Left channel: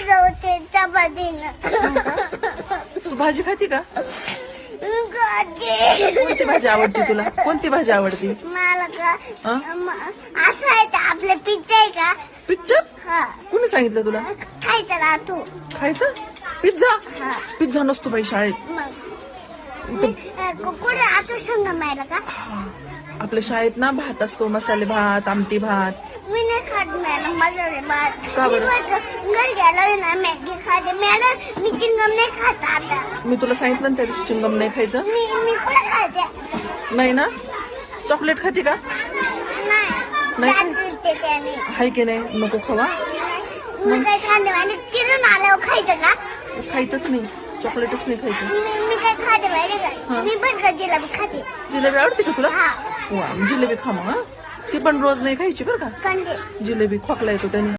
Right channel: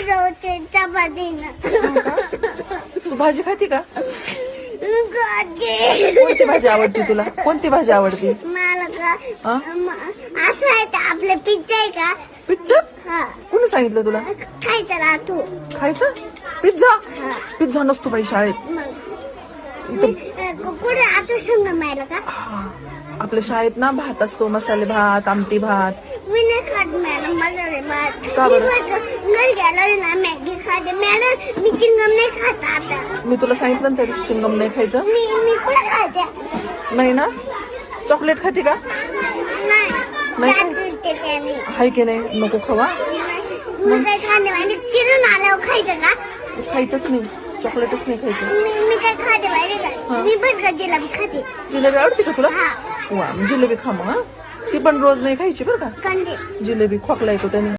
होते चपातीनं. तू भाजी खाती का? खाते. कोणती भाजी आवडते तुला? कोणती भाजी आवडते? मला का हा? असं आहे का आपलं पिझ्झा आहे का? पिझ्झा? हा कोणी सांगितलं तुला खायचं ना तू. खायचं? पिझ्झा? हा पिझ्झा नसतो बाई शाळेत. मग कुठे आता सांगा मला का? आपल्या शाळेत ना भात असतो, मसाले भात, आमटी भात. मी नाही खात मॅडम मसाले भात. का बरं? घरी गेल्यावर ना मॅगी खाते मॅडम. मी चिंगम नाही खात आता. मी तुला सांगितलं ना त्या दिवशी चिंगम नाही खायचं. मी कुठे खाते? नाही ना? चॉकलेट खाते का? नाही का? नाही त्याने हाय की नाही? नको खावा. मी काय खाते म्हणजे फिरून आल्यावर खायचं का? खायचंच नाही, चॉकलेटच नाही खायचं. मी काय खाते माहिती का? मी पण का जिलेबी खाते. जिलेबी आवडते का तुला? हा वा, जिलेबी खा मग. ती पण रोज नाही खायची बरं का. कंदे. जिलेबी खोकला येतो त्याने.